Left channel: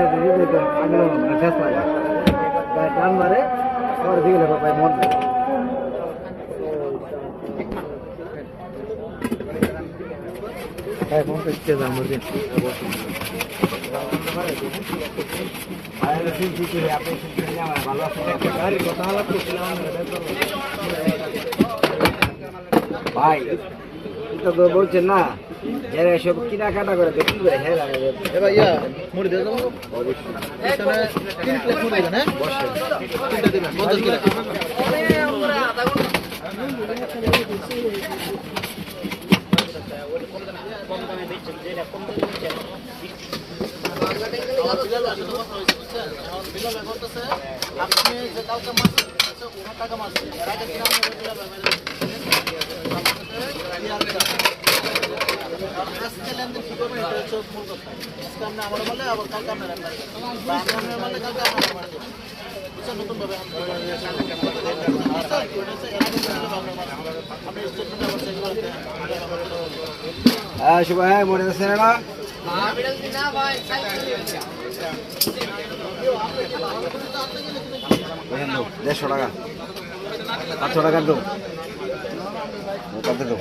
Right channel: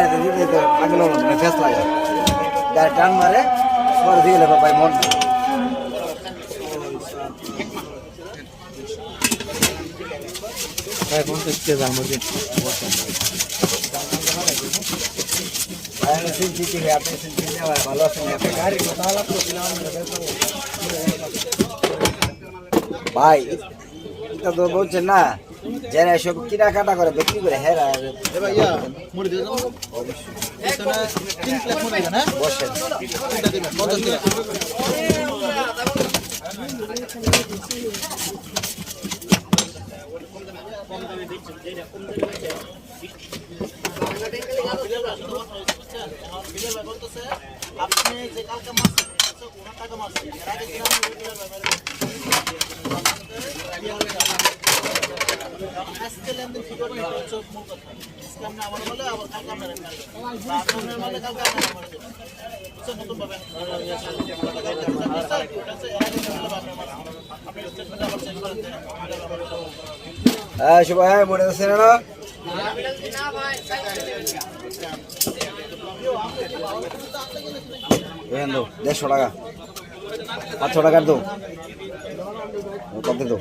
বাইরে দিদি তো আগুন ফেস লাগা গাড়ি টান মারে দিয়ে গেলে ভাই মন এখন তো ইচ্ছে জানবো যে ভাই এটা তো বলছেন না যারা এসব কেনাকাটা করে বিক্রি করে হেরা এবার ইয়া মুড়ি দিয়ে দেবো অবশ্যই এখানে 3 প্লেট মুড়ি দেবেন হ্যাঁ বসে তিনটা দিবেন 50 টাকা আপনি যে কালকে মাছ ওনার টাকা মাছ আজকে লেনদেন কি করবেন আজকে আমরা আমার বলে আবার কালকে আমরা মানে কালকে আমরা নতুন ভাবে হ্যাঁ শুভ হ্যাঁ মনে আছে না 150 টাকা 500 টাকার দাও কত দাও